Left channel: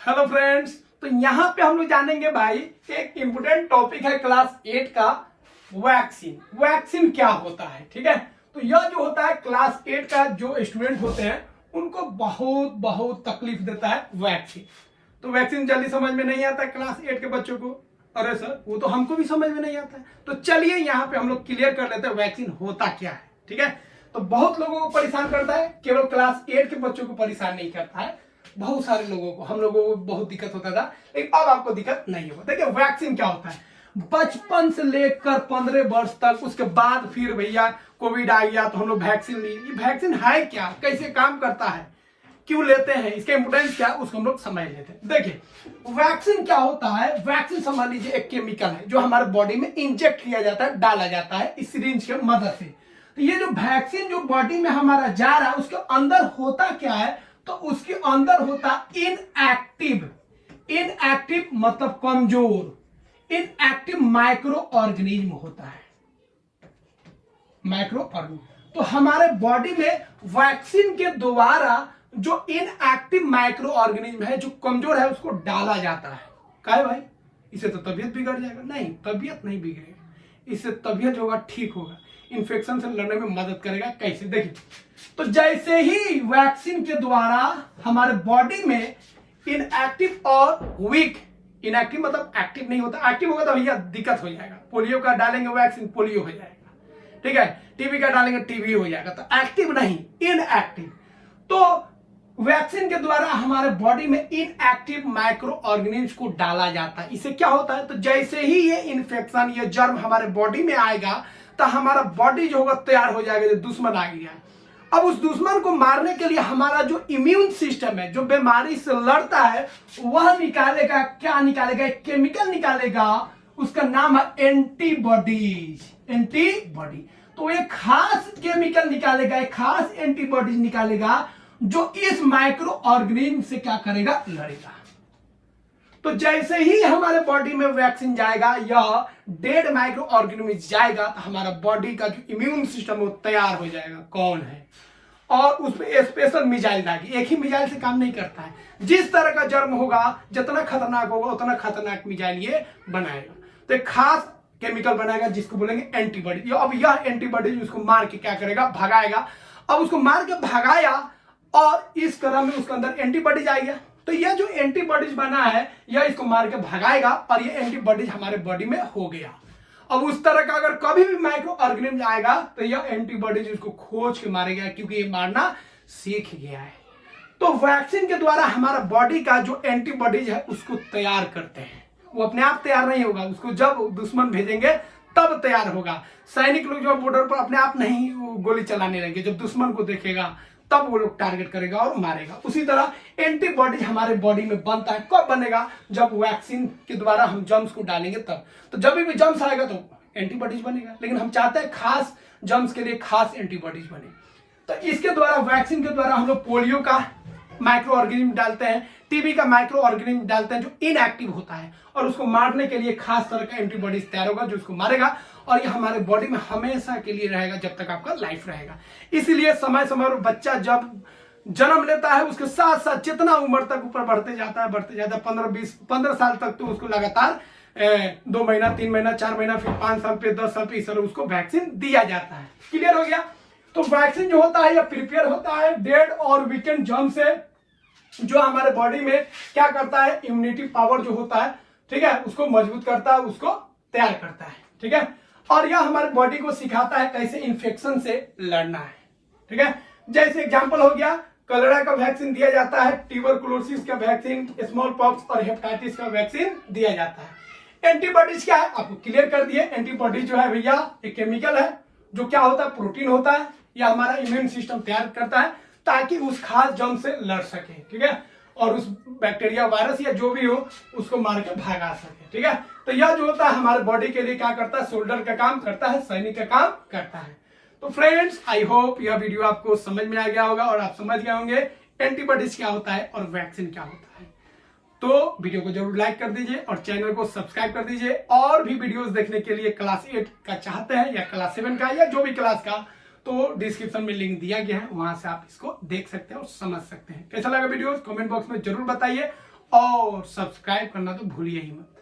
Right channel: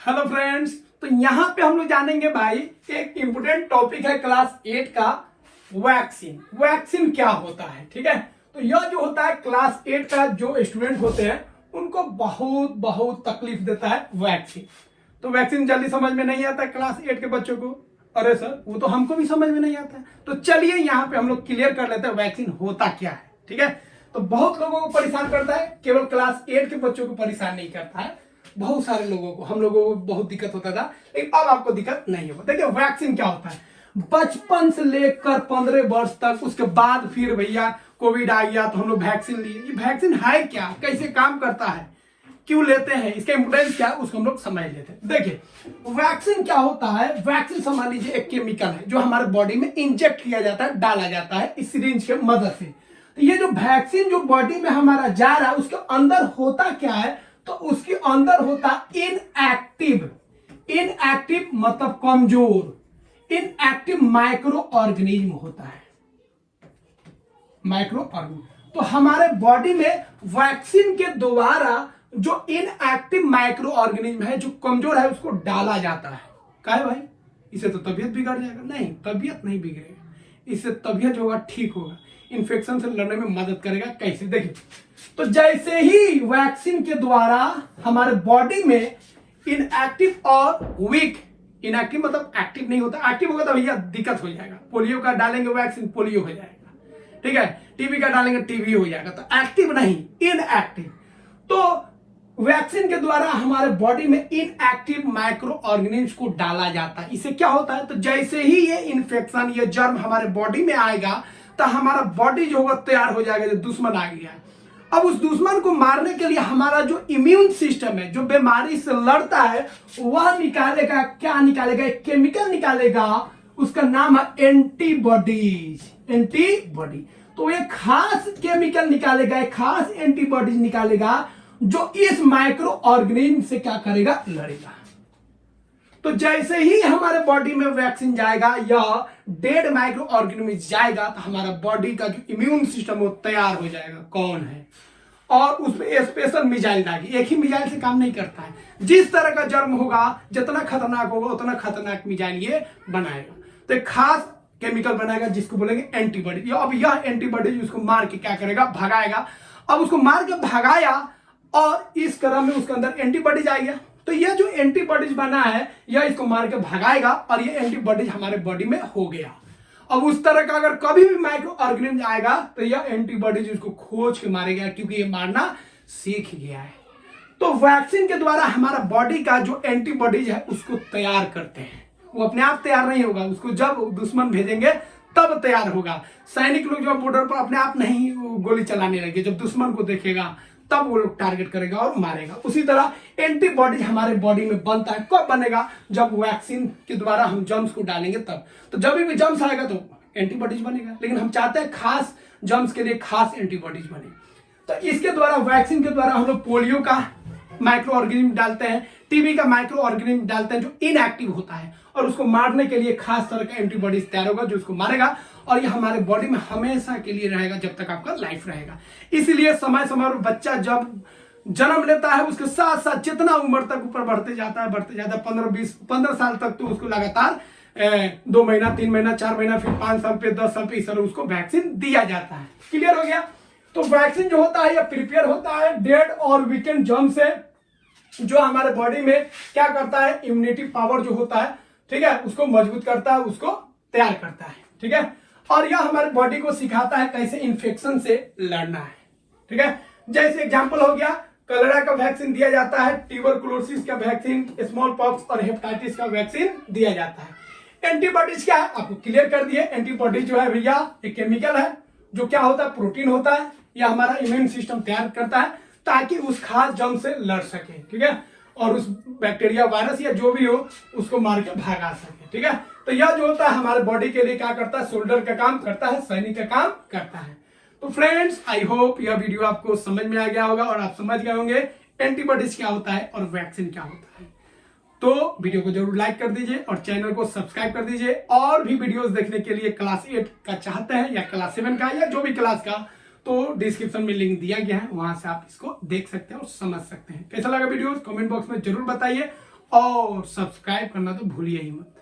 Hello friends, तो यहाँ पे हम लोग जानेंगे भाई एक इम्पोर्टेंट टॉपिक है क्लास 8 का वैक्सीन। वैक्सीन क्या होता है, ठीक है। तो यह जो होता है क्लास 8 का जो स्टूडेंट होते हैं उनको बहुत बहुत तकलीफ देता है वैक्सीन। तो वैक्सीन जल्दी समझ में नहीं आता है क्लास 8 के बच्चों को। अरे सर, वो तो हमको भी समझ में नहीं आता है। तो चलिए यहाँ पे हम लोग क्लियर कर लेते हैं वैक्सीन होता क्या है, ठीक है। तो बहुत लोगों को परेशान करता है, केवल क्लास 8 के बच्चों को परेशान नहीं करता है, बहुत सारे लोगों को, हम लोगों को बहुत दिक्कत होता था, लेकिन अब आपको दिक्कत नहीं होगा। देखिए वैक्सीन क्या होता है, बचपन से लेकर 15 वर्ष तक, उसके बाद फिर भैया कोविड आ गया तो हम लोग वैक्सीन लिए। ये वैक्सीन है क्या, कैसे काम करता है, क्यों लेते हैं, इसका इंपोर्टेंस क्या है, उसको हम लोग समझ लेते हैं। देखिए वैक्सीन क्या होता है, वैक्सीन समझ लीजिए एक केमिकल है जो हमारे बॉडी में इंजेक्ट किया जाता है, डाला जाता है इस सिरिंज के मदद से। तो ये जो वैक्सीन जो बॉडी में हमारा जा रहा है उसके अंदर होता क्या है, तो उसके अंदर होता इनएक्टिव। इनएक्टिव मतलब कमजोर, इनएक्टिव माइक्रो ऑर्गेनिज्म होता है, माइक्रो ऑर्गेनिज्म। तो हमारे बॉडी में वैक्सीन के द्वारा जो इनएक्टिव माइक्रो ऑर्गेनिज्म है, जो कमजोर है, उसको डाला जाता है। काहे भाई, इससे तो तबीयत बिगड़ जाएगा? नहीं, तबीयत नहीं बिगड़ेगा, इससे तबीयत होगा ठीक होगा, इन्फेक्शन से लड़ने में मदद करेगा। कैसे, देखिए तो जैसे ही वैक्सीन के द्वारा हमारे बॉडी में इनएक्टिव और वीक, इनएक्टिव मतलब एक्टिव नहीं होता, एक्टिव होगा तो भैया दिक्कत हो जाएगा। पोलियो का डालेंगे वैक्सीन, पोलियो हो जाएगा, ठीक है। टीबी का डालेंगे, टीबी हो जाएगा। तो एक्टिव नहीं, इनएक्टिव। तो वैक्सीन के द्वारा हमारे बॉडी में इनएक्टिव माइक्रो ऑर्गेनिज्म को डाला जाता है। इससे क्या होता है, तो जैसे ही ये इन्फेक्शन, ये जर्म हमारे बॉडी में आएगा तो हमारा बॉडी जो होगा तैयार हो जाएगा। जो दुश्मन आ गया, अब उस दुश्मन को मारने के लिए हमारा जो इम्यून सिस्टम है, जो बीमारी से लड़ता है, वह निकालेगा, क्या निकालेगा, एक केमिकल निकालेगा, उसका नाम है एंटीबॉडीज। एंटीबॉडी, तो एक खास केमिकल निकालेगा, एक खास एंटीबॉडीज निकालेगा जो इस माइक्रो ऑर्गेनिज्म से क्या करेगा, लड़ेगा। तो जैसे ही हमारे बॉडी में वैक्सीन जाएगा या डेड माइक्रो ऑर्गेनिज्म जाएगा तो हमारा बॉडी का जो इम्यून सिस्टम वो तैयार हो जाएगा, कौन है, और उसमें स्पेशल मिसाइल डालेगी। एक ही मिसाइल से काम नहीं करता है, जिस तरह का जर्म होगा, जितना खतरनाक होगा उतना खतरनाक मिसाइल ये बनाएगा। तो एक खास केमिकल बनाएगा जिसको बोलेंगे एंटीबॉडी। अब यह एंटीबॉडी उसको मार के क्या करेगा, भगाएगा। अब उसको मार के भगाया और इस क्रम में उसके अंदर एंटीबॉडीज आएगा। तो यह जो एंटीबॉडीज बना है यह इसको मार के भगाएगा और ये एंटीबॉडीज हमारे बॉडी में हो गया। अब उस तरह का अगर कभी भी माइक्रो ऑर्गेनिज्म आएगा तो यह एंटीबॉडीज उसको खोज के मारेगा, क्योंकि ये मारना सीख गया है। तो वैक्सीन के द्वारा हमारा बॉडी का जो एंटीबॉडीज है उसको तैयार करते हैं। वो अपने आप तैयार नहीं होगा, उसको जब दुश्मन भेजेंगे तब तैयार होगा। सैनिक लोग जो बॉर्डर पर अपने आप नहीं गोली चलाने लगे, जब दुश्मन को देखेगा तब वो लोग टारगेट करेगा और मारेगा। उसी तरह एंटीबॉडीज हमारे बॉडी में बनता है। कब बनेगा, जब वैक्सीन के द्वारा हम जर्म्स को डालेंगे तब। तो जब भी जर्म्स आएगा तो एंटीबॉडीज बनेगा, लेकिन हम चाहते हैं खास जर्म्स के लिए खास एंटीबॉडीज बने। तो इसके द्वारा, वैक्सीन के द्वारा हम लोग पोलियो का माइक्रो ऑर्गेनिज्म डालते हैं, टीबी का माइक्रो ऑर्गेनिज्म डालते हैं जो इनएक्टिव होता है, और उसको मारने के लिए खास तरह का एंटीबॉडीज तैयार होगा जो उसको मारेगा, और ये हमारे बॉडी में हमेशा के लिए रहेगा जब तक आपका लाइफ रहेगा। इसीलिए समय समय पर बच्चा जब जन्म लेता है उसके साथ साथ जितना उम्र तक ऊपर बढ़ते जाता है 15 साल तक, तो उसको लगातार 2 महीना, 3 महीना, 4 महीना, फिर 5 साल पे, 10 साल पे, इस तरह उसको वैक्सीन दिया जाता है। क्लियर हो गया। तो वैक्सीन जो होता है यह प्रिपेयर होता है डेड और वीकेंड जर्म से, जो हमारे बॉडी में क्या करता है, इम्यूनिटी पावर जो होता है, ठीक है, उसको मजबूत करता है, उसको तैयार करता है, ठीक है। और यह हमारे बॉडी को सिखाता है कैसे इन्फेक्शन से लड़ना है, ठीक है। जैसे एग्जांपल हो गया, कलेरा का वैक्सीन दिया जाता है, ट्यूबरकुलोसिस का वैक्सीन, स्मॉल पॉक्स और हेपेटाइटिस का वैक्सीन दिया जाता है। एंटीबॉडीज क्या है, आपको क्लियर कर दिए। एंटीबॉडी जो है भैया एक केमिकल है जो क्या होता है, प्रोटीन होता है। यह हमारा इम्यून सिस्टम तैयार करता है ताकि उस खास जर्म से लड़ सके, ठीक है, और उस बैक्टीरिया, वायरस या जो भी हो उसको मार के भगा सके, ठीक है। तो यह जो होता है हमारे बॉडी के लिए क्या करता है, शोल्डर का काम करता है, सैनिक का काम करता है। तो फ्रेंड्स, आई होप यह वीडियो आपको समझ में आ गया होगा और आप समझ गए होंगे एंटीबॉडीज क्या होता है और वैक्सीन क्या होता है। तो वीडियो को जरूर लाइक कर दीजिए और चैनल को सब्सक्राइब कर दीजिए। और भी वीडियोस देखने के लिए क्लास 8 का चाहते हैं या क्लास 7 का या जो भी क्लास का, तो डिस्क्रिप्शन में लिंक दिया गया है, वहां से आप इसको देख सकते हैं और समझ सकते हैं। कैसा लगा वीडियो कमेंट बॉक्स में जरूर बताइए। और सब्सक्राइब करना तो भूलिए ही मत।